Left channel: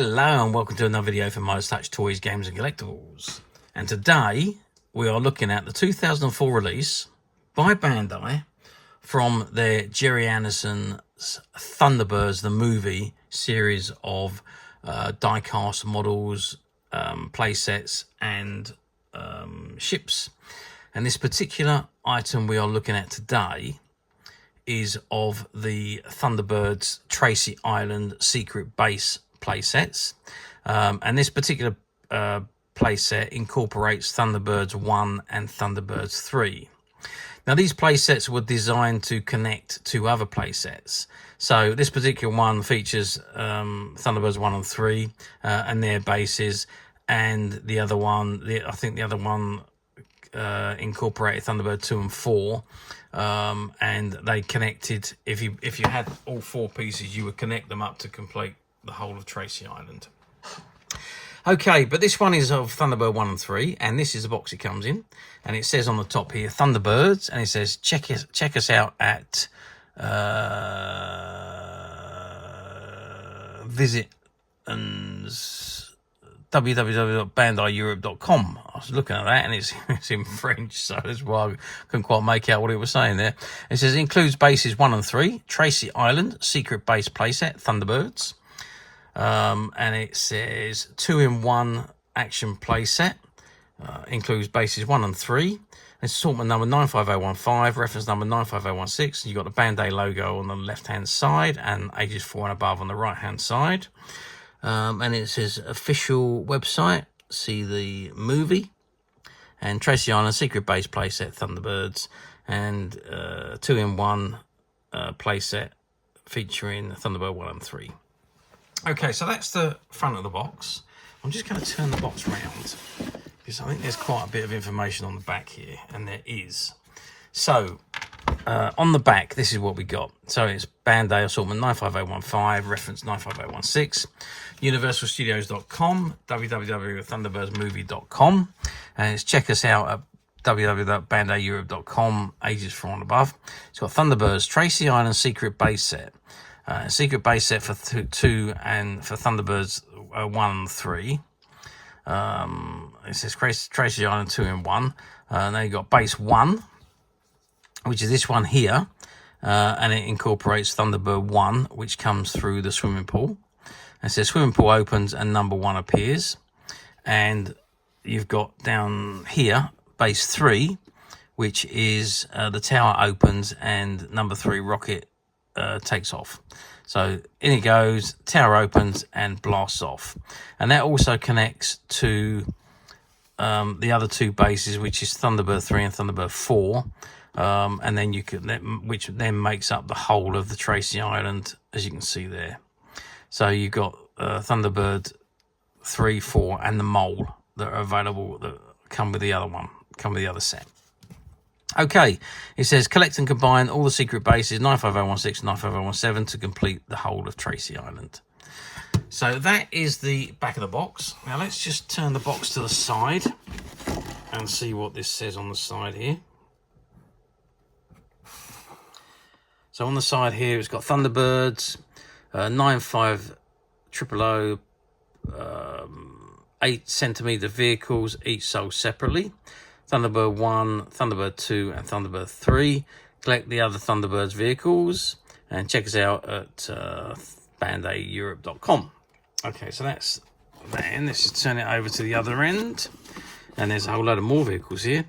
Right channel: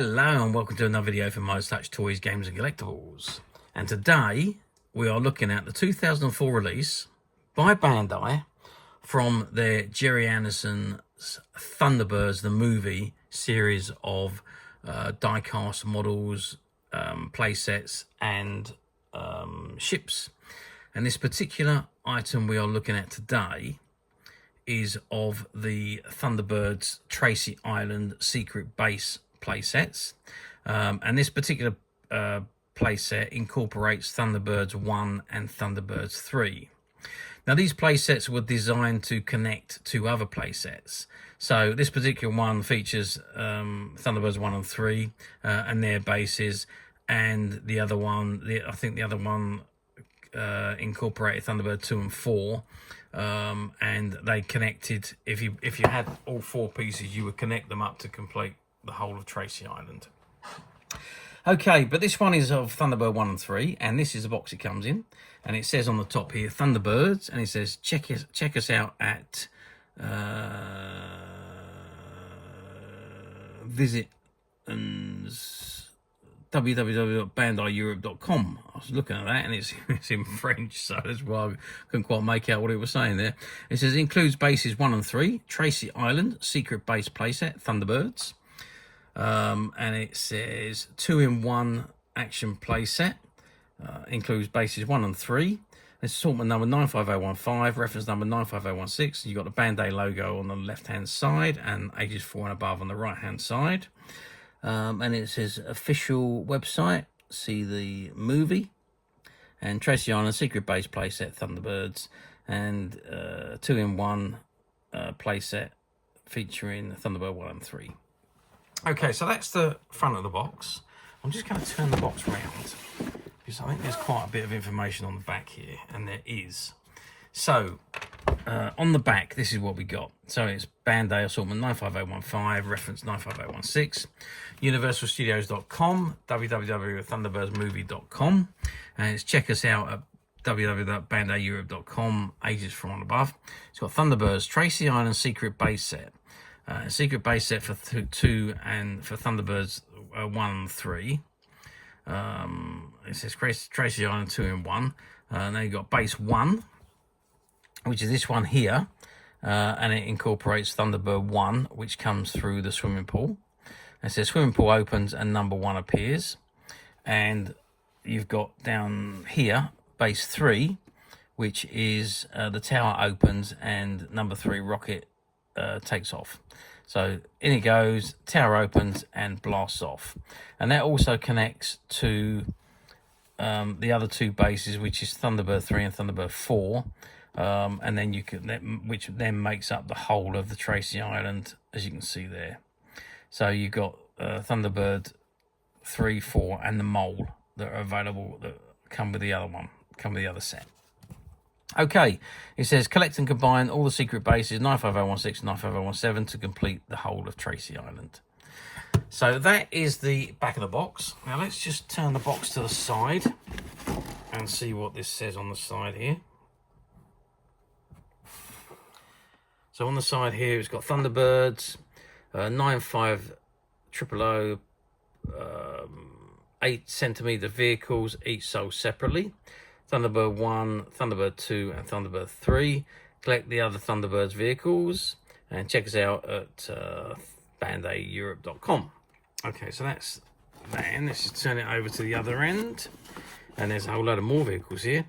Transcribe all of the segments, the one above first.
Hello and welcome to another video from Midas Touch Toys, Games and Collectibles. And today we are looking at the 2004 release by Bandai from their Gerry Anderson's Thunderbirds, the movie series of die-cast models, playsets and ships. And this particular item we are looking at today is of the Thunderbirds Tracy Island Secret Base Playsets. And this particular playset incorporates Thunderbirds 1 and Thunderbirds 3. Now these playsets were designed to connect to other playsets. So this particular one features Thunderbirds 1 and 3 and their bases, and the other one, I think the other one incorporated Thunderbird 2 and 4, and they connected. If you had all four pieces, you would connect them up to complete the whole of Tracy Island. Okay, but this one is of Thunderbird 1 and 3, and this is the box it comes in, and it says on the top here Thunderbirds, and it says check us out at visit and www.bandaieurope.com. I was looking at that and it's in French, so that's why I couldn't quite make out what it was saying there. It says includes bases 1 and 3, Tracy Island Secret Base Playset Thunderbirds, and it says 2-in-1 action playset, includes bases 1 and 3. It's assortment number 95015, reference number 95016. You've got the Bandai logo on the left hand side and ages 4 and above on the right hand side. And it says official website, see the movie, and Tracy Island Secret Base Playset Thunderbirds, and 2-in-1 playset featuring Thunderbird 1 and 3. Okay, so that's the front of the box. I'm just going to turn the box round because I think there's quite a bit of information on the back here, and there is. So on the back, this is what we got. So it's Bandai assortment 95015, reference 95016, universalstudios.com, www.thunderbirdsmovie.com, and it's check us out at www.bandaieurope.com, ages 4 and above. It's got Thunderbirds Tracy Island Secret Base Set, Secret Base Set for 2 and for Thunderbirds 1 and 3. It says Tracy Island 2-in-1, and then you got Base 1, which is this one here, and it incorporates Thunderbird 1, which comes through the swimming pool. It says swimming pool opens and number 1 appears. And you've got down here base 3, which is the tower opens and number 3 rocket takes off. So in it goes, tower opens and blasts off. And that also connects to the other two bases, which is Thunderbird 3 and Thunderbird 4. And then you could, which then makes up the whole of the Tracy Island, as you can see there. So you've got Thunderbird 3, 4, and the mole that are available that come with the other one, come with the other set. Okay, it says collect and combine all the secret bases 95016, 95017 to complete the whole of Tracy Island. So that is the back of the box. Now let's just turn the box to the side and see what this says on the side here. So on the side here, it's got Thunderbirds, 95000, 8cm vehicles, each sold separately. Thunderbird 1, Thunderbird 2, and Thunderbird 3. Collect the other Thunderbirds vehicles and check us out at bandaieurope.com. Okay, so that's that end. Let's just turn it over to the other end. And there's a whole load of more vehicles here.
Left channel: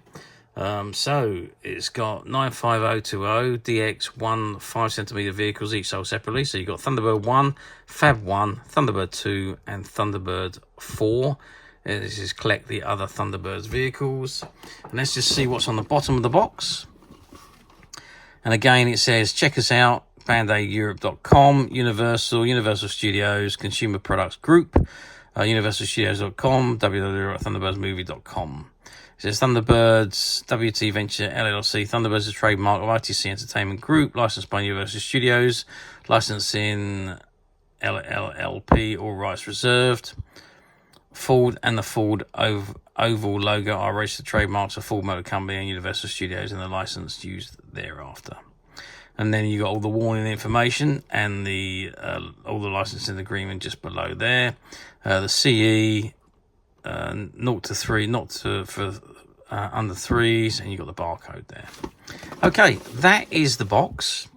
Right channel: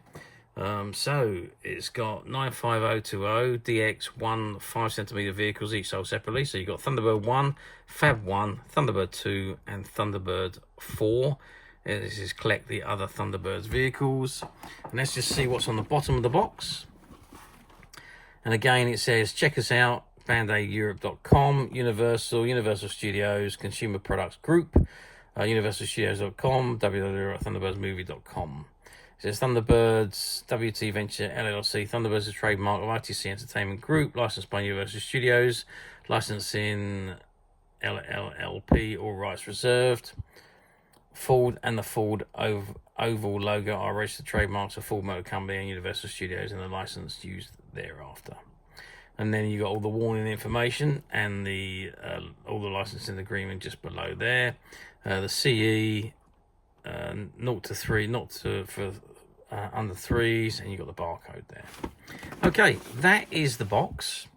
So it's got 95020 DX1 5cm vehicles, each sold separately. So you've got Thunderbird 1, Fab 1, Thunderbird 2, and Thunderbird 4. And this is collect the other Thunderbirds vehicles. And let's just see what's on the bottom of the box. And again, it says check us out, bandaieurope.com, Universal Studios, Consumer Products Group, universalstudios.com, www.thunderbirdsmovie.com. It says Thunderbirds, WT Venture LLC, Thunderbirds is a trademark of ITC Entertainment Group, licensed by Universal Studios, licensing LLP, all rights reserved. Ford and the Ford Oval logo are registered trademarks of Ford Motor Company and Universal Studios, and the license used thereafter. And then you got all the warning information and the all the licensing agreement just below there. The CE 0 to 3, not to, for under 3s, and you got the barcode there. Okay, that is the box.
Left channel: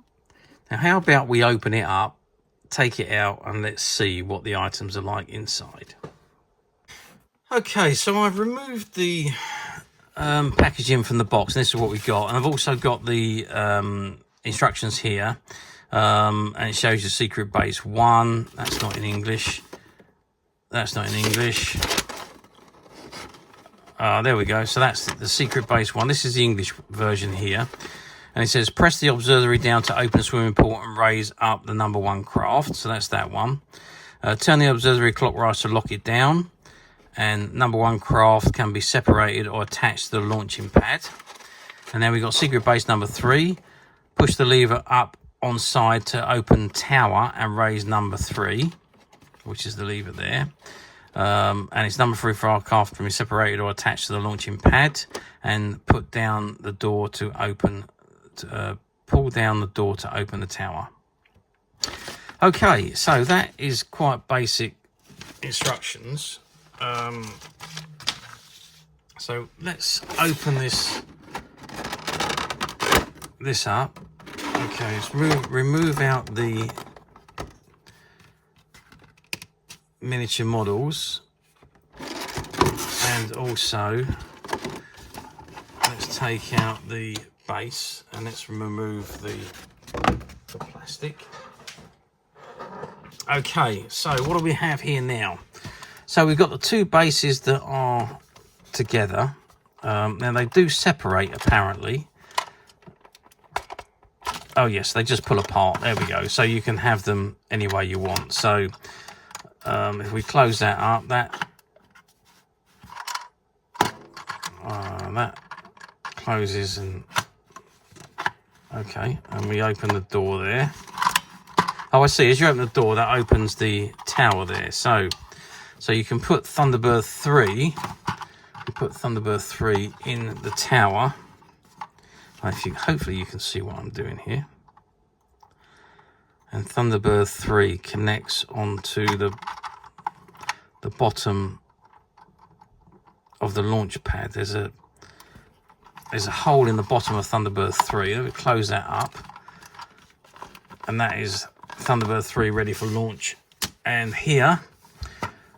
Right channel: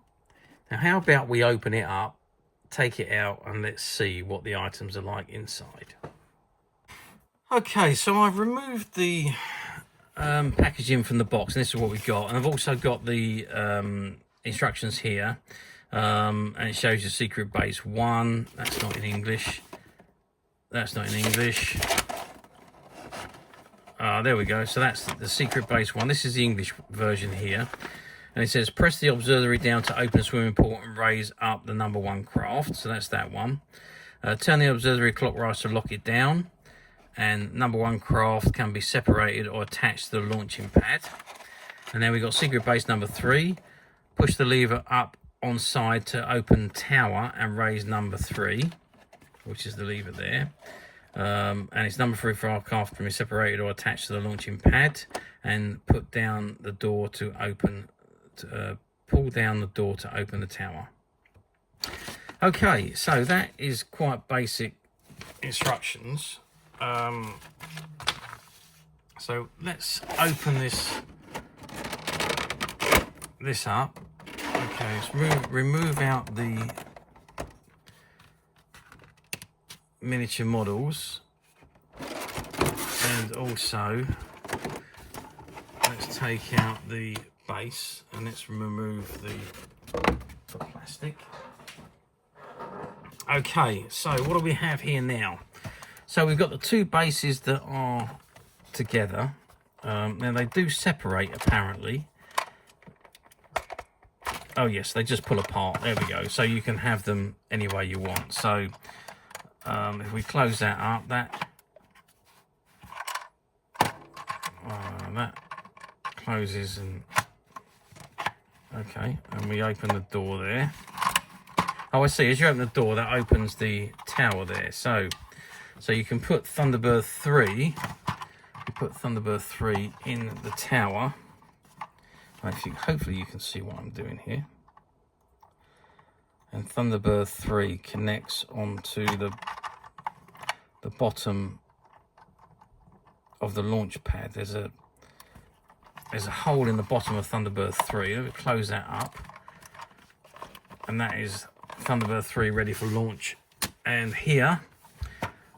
Now, how about we open it up, take it out, and let's see what the items are like inside. Okay, so I've removed the packaging from the box, and this is what we've got. And I've also got the instructions here, and it shows you secret base 1. That's not in English. That's not in English. There we go. So that's the secret base 1. This is the English version here. And it says, press the auxiliary down to open swimming pool and raise up the number 1 craft. So that's that one. Turn the auxiliary clockwise to lock it down. And number 1 craft can be separated or attached to the launching pad. And then we got secret base number 3. Push the lever up on side to open tower and raise number 3, which is the lever there. And it's number 3 for our craft can be separated or attached to the launching pad. And put down the door to open. Pull down the door to open the tower. Okay, so that is quite basic instructions. So let's open this up. Okay, let's remove out the miniature models, and also let's take out the base, and let's remove the plastic. Okay, so what do we have here now? So we've got the 2 bases that are together. Now they do separate apparently. Oh yes, they just pull apart. There we go. So you can have them any way you want. So if we close that up, that closes, and okay, and we open the door there. Oh, I see. As you open the door, that opens the tower there. So you can put Thunderbird 3. You put Thunderbird 3 in the tower. Hopefully you can see what I'm doing here. And Thunderbird 3 connects onto the bottom of the launch pad. There's a hole in the bottom of Thunderbird 3. Let me close that up. And that is Thunderbird 3 ready for launch. And here,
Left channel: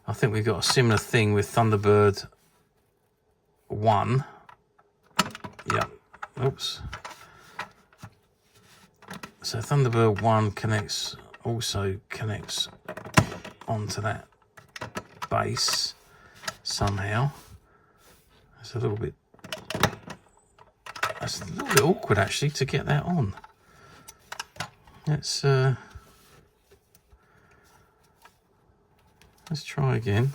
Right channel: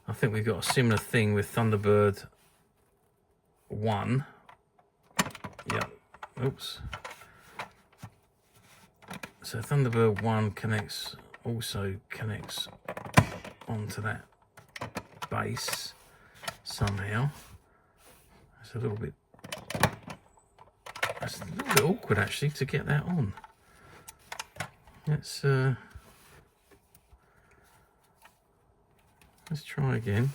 I think we've got a similar thing with Thunderbird 1. Yep. Oops. So Thunderbird 1 also connects onto that base somehow. That's a little bit awkward actually to get that on. Let's try again.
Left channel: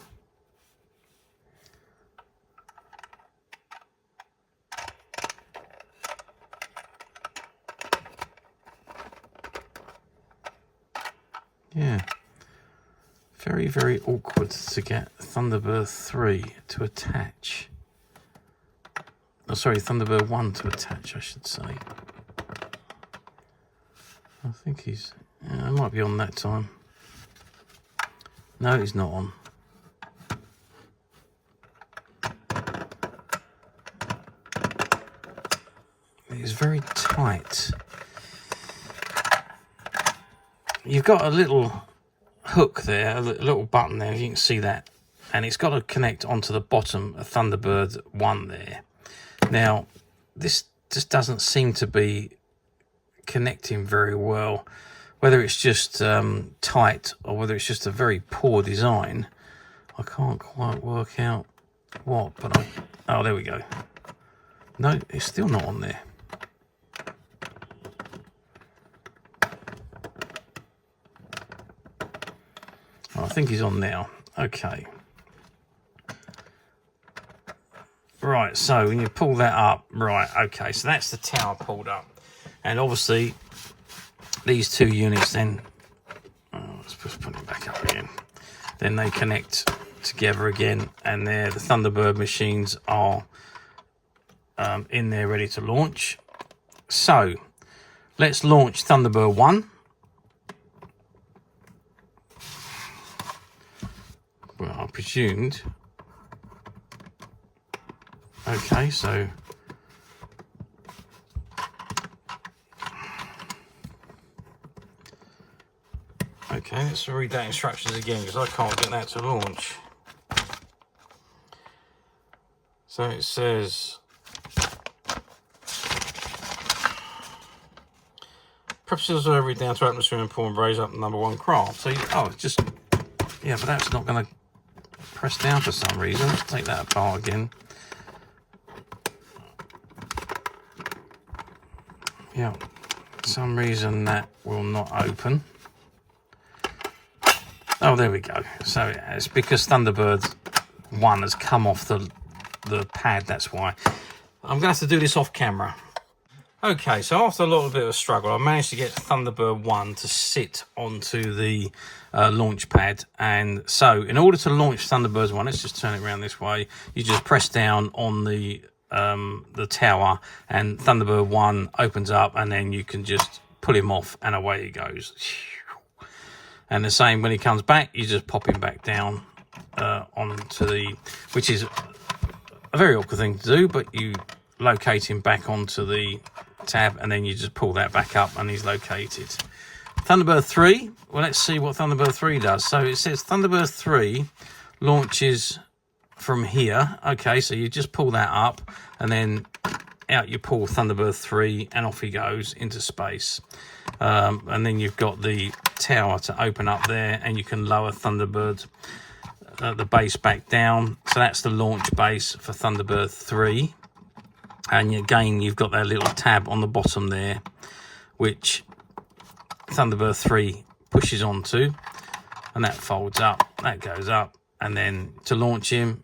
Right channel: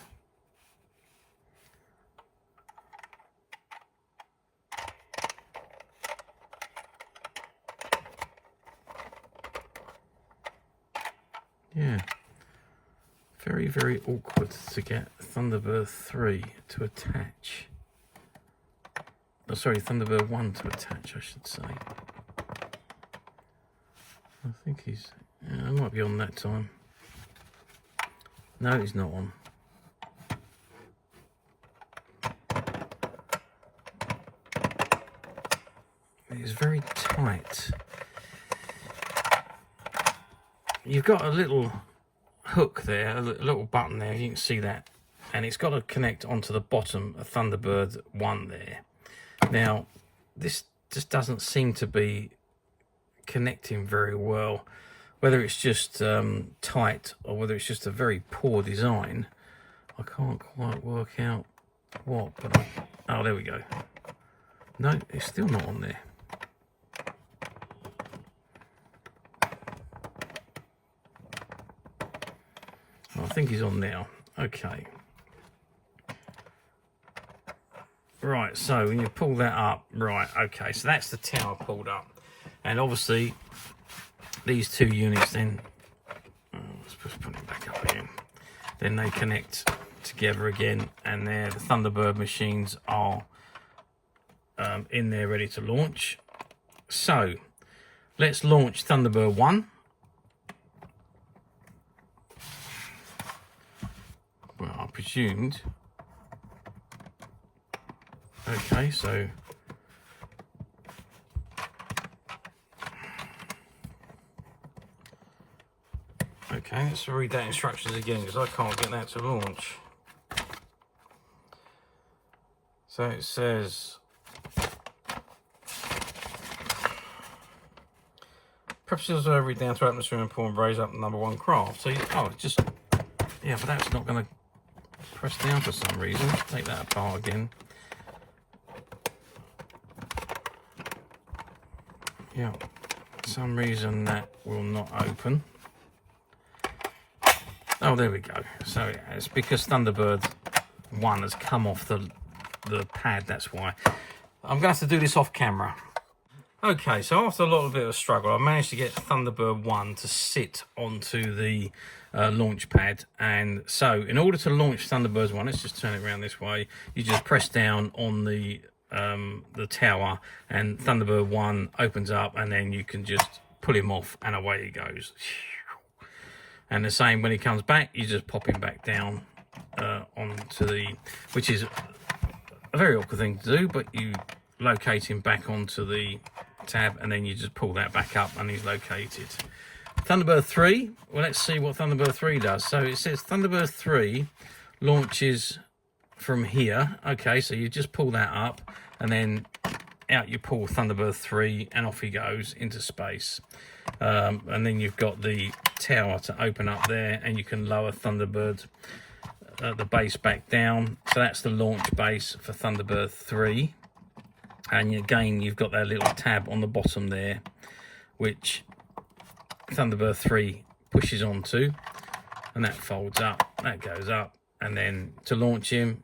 Yeah, very, very awkward to get Thunderbird 3 to attach. Oh, sorry, Thunderbird 1 to attach, I should say. I think he's... Yeah, I might be on that time. No, he's not on. It's very tight. You've got a little hook there, a little button there, you can see that. And it's got to connect onto the bottom of Thunderbird 1 there. Now, this just doesn't seem to be connecting very well. Whether it's just tight or whether it's just a very poor design, I can't quite work out what, but oh, there we go. No, it's still not on there. Oh, I think he's on now. Okay. Right, so when you pull that up, right, okay, so that's the tower pulled up. And obviously, these 2 units then, let's just put it back up again. Then they connect together again, and there the Thunderbird machines are in there ready to launch. So let's launch Thunderbird 1. Well, I presumed. Okay, so okay, let's read that instructions again because I can't get that to launch. So it says press over down to atmosphere and pull and raise up number 1 craft. So just yeah, but that's not going to press down for some reason. Let's take that apart again. Yeah, for some reason that will not open. Oh, there we go. So it's because Thunderbird 1 has come off the pad, that's why. I'm going to have to do this off camera. Okay, so after a little bit of a struggle, I managed to get Thunderbird 1 to sit onto the launch pad. And so in order to launch Thunderbird 1, let's just turn it around this way. You just press down on the tower and Thunderbird 1 opens up, and then you can just pull him off and away he goes. And the same when he comes back, you just pop him back down onto the, which is a very awkward thing to do, but you locate him back onto the tab and then you just pull that back up and he's located. Thunderbird 3, well, let's see what Thunderbird 3 does. So it says Thunderbird 3 launches from here. Okay, so you just pull that up and then out you pull Thunderbird 3 and off he goes into space. And then you've got the tower to open up there and you can lower Thunderbird, the base back down. So that's the launch base for Thunderbird 3. And again, you've got that little tab on the bottom there, which Thunderbird 3 pushes onto, and that folds up, that goes up, and then to launch him,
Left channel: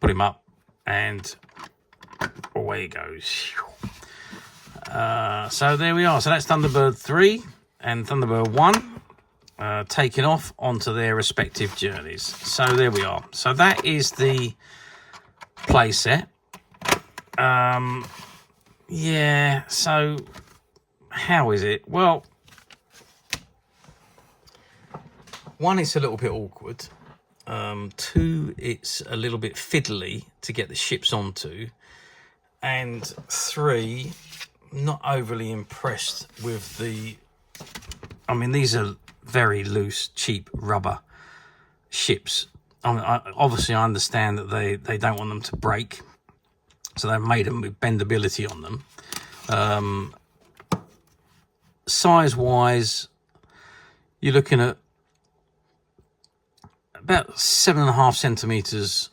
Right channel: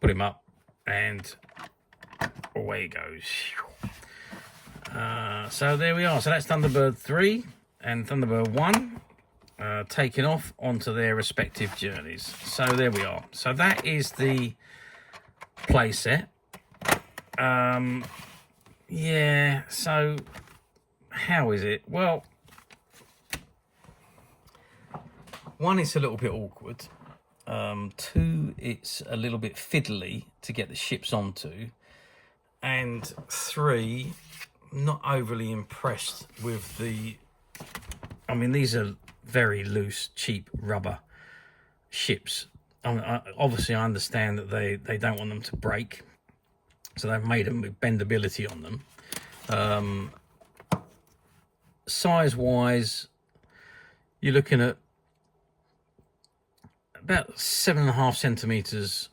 put him up, and away he goes. So there we are. So that's Thunderbird 3 and Thunderbird 1 taking off onto their respective journeys. So there we are. So that is the playset. Yeah, so how is it? Well, one, it's a little bit awkward. Two, it's a little bit fiddly to get the ships onto. And three, not overly impressed with the, I mean, these are very loose, cheap rubber ships. I mean, obviously I understand that they don't want them to break. So they've made them with bendability on them. Size-wise, you're looking at about 7.5 centimeters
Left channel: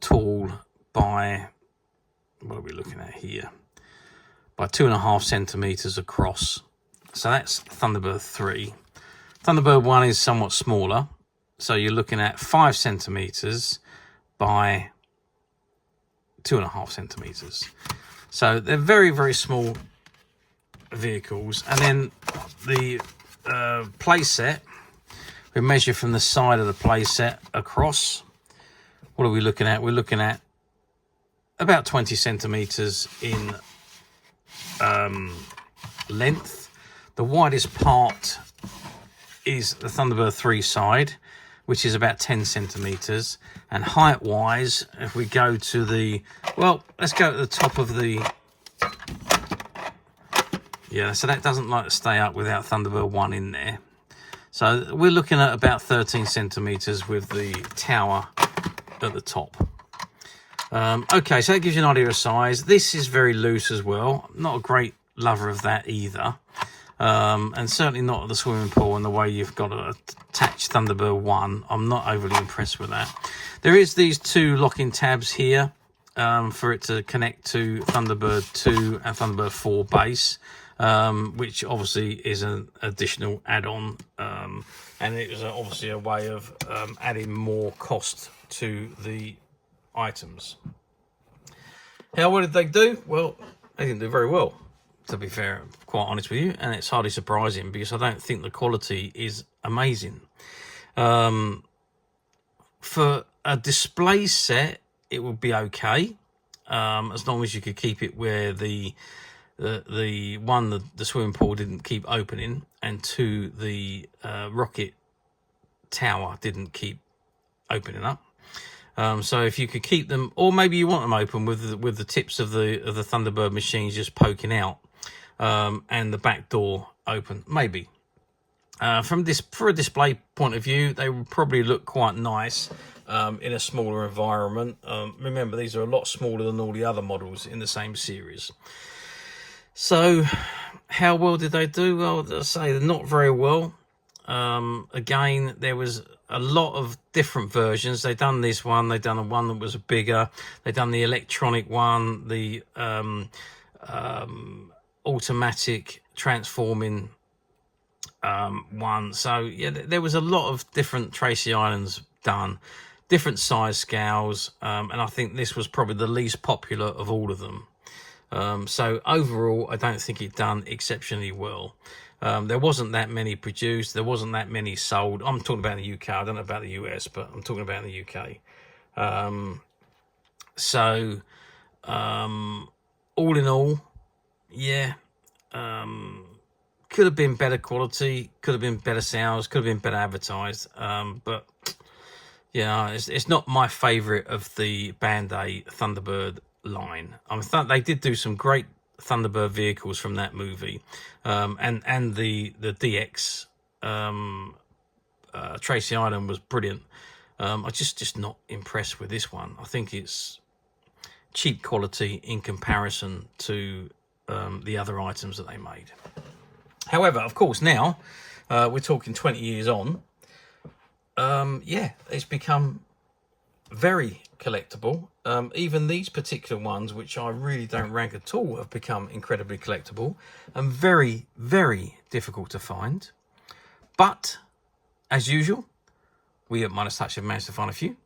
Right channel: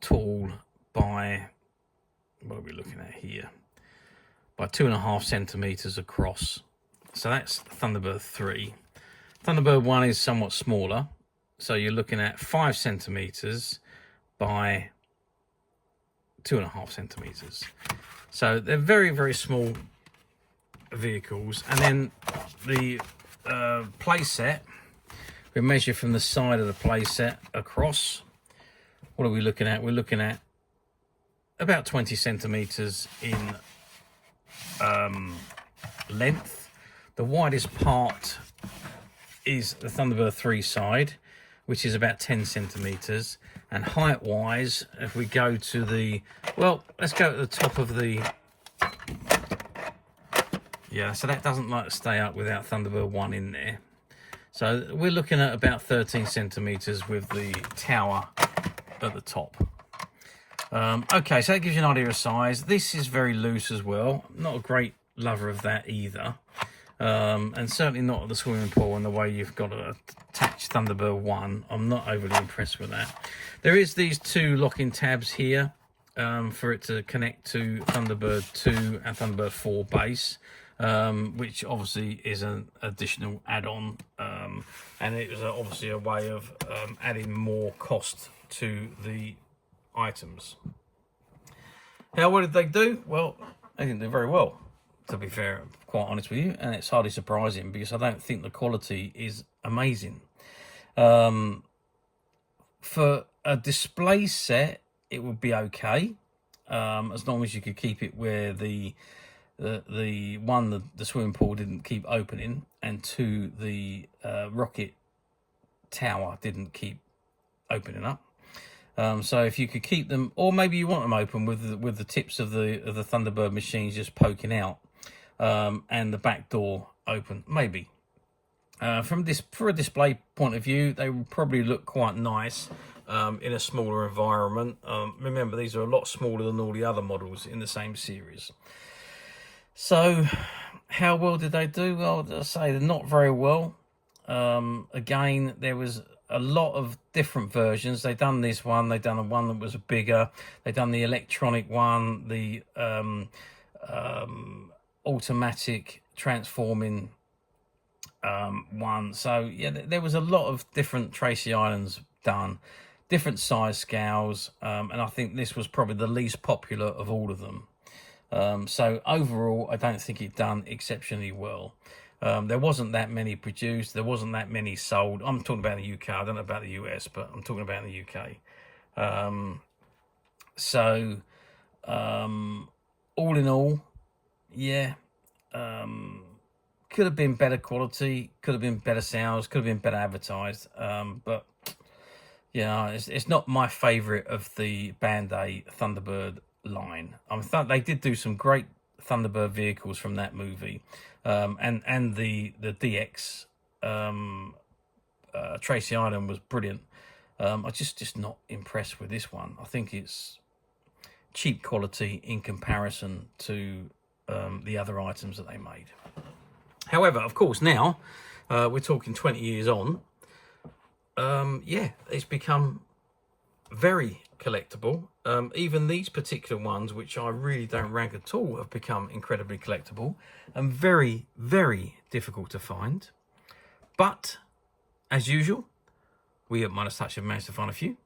tall by, what are we looking at here? By 2.5 centimeters across. So that's Thunderbird 3. Thunderbird 1 is somewhat smaller. So you're looking at 5 centimeters by 2.5 centimeters. So they're very, very small vehicles. And then the playset, we measure from the side of the playset across. What are we looking at? We're looking at about 20 centimeters in length. The widest part is the Thunderbird 3 side, which is about 10 centimeters. And height wise, if we go to the, well, let's go to the top of the, yeah, so that doesn't like to stay up without Thunderbird 1 in there. So we're looking at about 13 centimeters with the tower at the top. Okay, so that gives you an idea of size. This is very loose as well. Not a great lover of that either. And certainly not at the swimming pool and the way you've got to attach Thunderbird 1. I'm not overly impressed with that. There is these two locking tabs here for it to connect to Thunderbird 2 and Thunderbird 4 base, which obviously is an additional add-on. And it was obviously a way of adding more cost to the items. What did they do? Well, they didn't do very well, to be fair, quite honest with you, and it's hardly surprising because I don't think the quality is amazing. For a display set, it would be okay, as long as you could keep it where the one, the swimming pool didn't keep opening, and two, the rocket tower didn't keep opening up. So if you could keep them, or maybe you want them open with the tips of the Thunderbird machines just poking out, and the back door open, maybe. For a display point of view, they would probably look quite nice in a smaller environment. Remember, these are a lot smaller than all the other models in the same series. So, how well did they do? Well, I'll say they're not very well. Again, there was a lot of different versions. They done this one, they done one that was bigger, they done the electronic one, the automatic transforming one. So yeah, there was a lot of different Tracy Islands done, different size scales, and I think this was probably the least popular of all of them. So overall, I don't think it done exceptionally well. There wasn't that many produced, there wasn't that many sold. I'm talking about the UK, I don't know about the US, but I'm talking about the UK. All in all, yeah, could have been better quality, could have been better sales, could have been better advertised, but yeah, it's not my favorite of the Bandai Thunderbird line. They did do some great Thunderbird vehicles from that movie, and the DX Tracy Island was brilliant. I'm just not impressed with this one. I think it's cheap quality in comparison to the other items that they made. However, of course, now we're talking 20 years on. Yeah, it's become very collectible. Even these particular ones, which I really don't rank at all, have become incredibly collectible and very, very difficult to find. But as usual, we at Midas Touch have managed to find a few,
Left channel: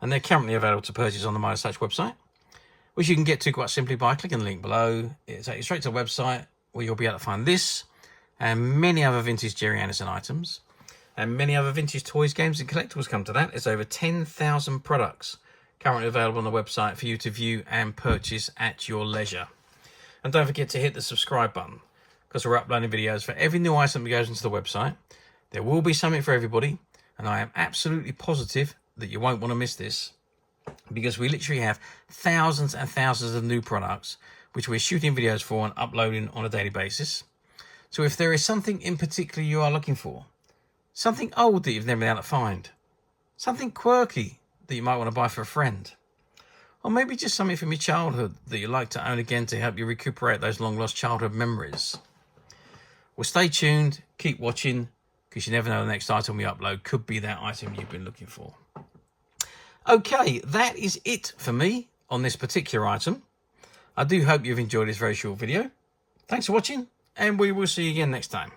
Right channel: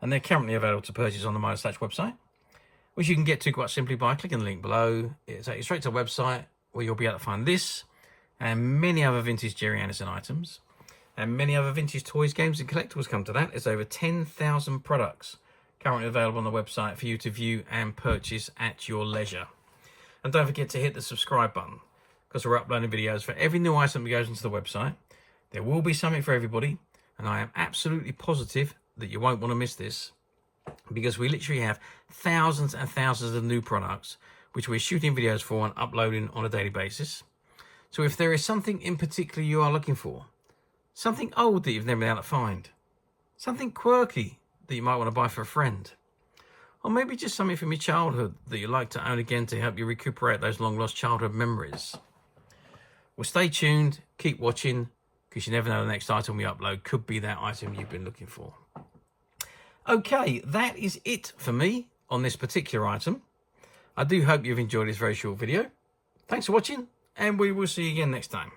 and they're currently available to purchase on the Midas Touch website, which you can get to quite simply by clicking the link below. It'll take you straight to the website where you'll be able to find this and many other vintage Gerry Anderson items, and many other vintage toys, games and collectibles come to that. There's over 10,000 products currently available on the website for you to view and purchase at your leisure. And don't forget to hit the subscribe button, because we're uploading videos for every new item that goes into the website. There will be something for everybody, and I am absolutely positive that you won't want to miss this, because we literally have thousands and thousands of new products which we're shooting videos for and uploading on a daily basis. So if there is something in particular you are looking for, something old that you've never been able to find, something quirky that you might want to buy for a friend, or maybe just something from your childhood that you'd like to own again to help you recuperate those long lost childhood memories, well, stay tuned, keep watching, because you never know, the next item we upload could be that item you've been looking for. Okay, that is it for me on this particular item. I do hope you've enjoyed this very short video. Thanks for watching, and we will see you again next time.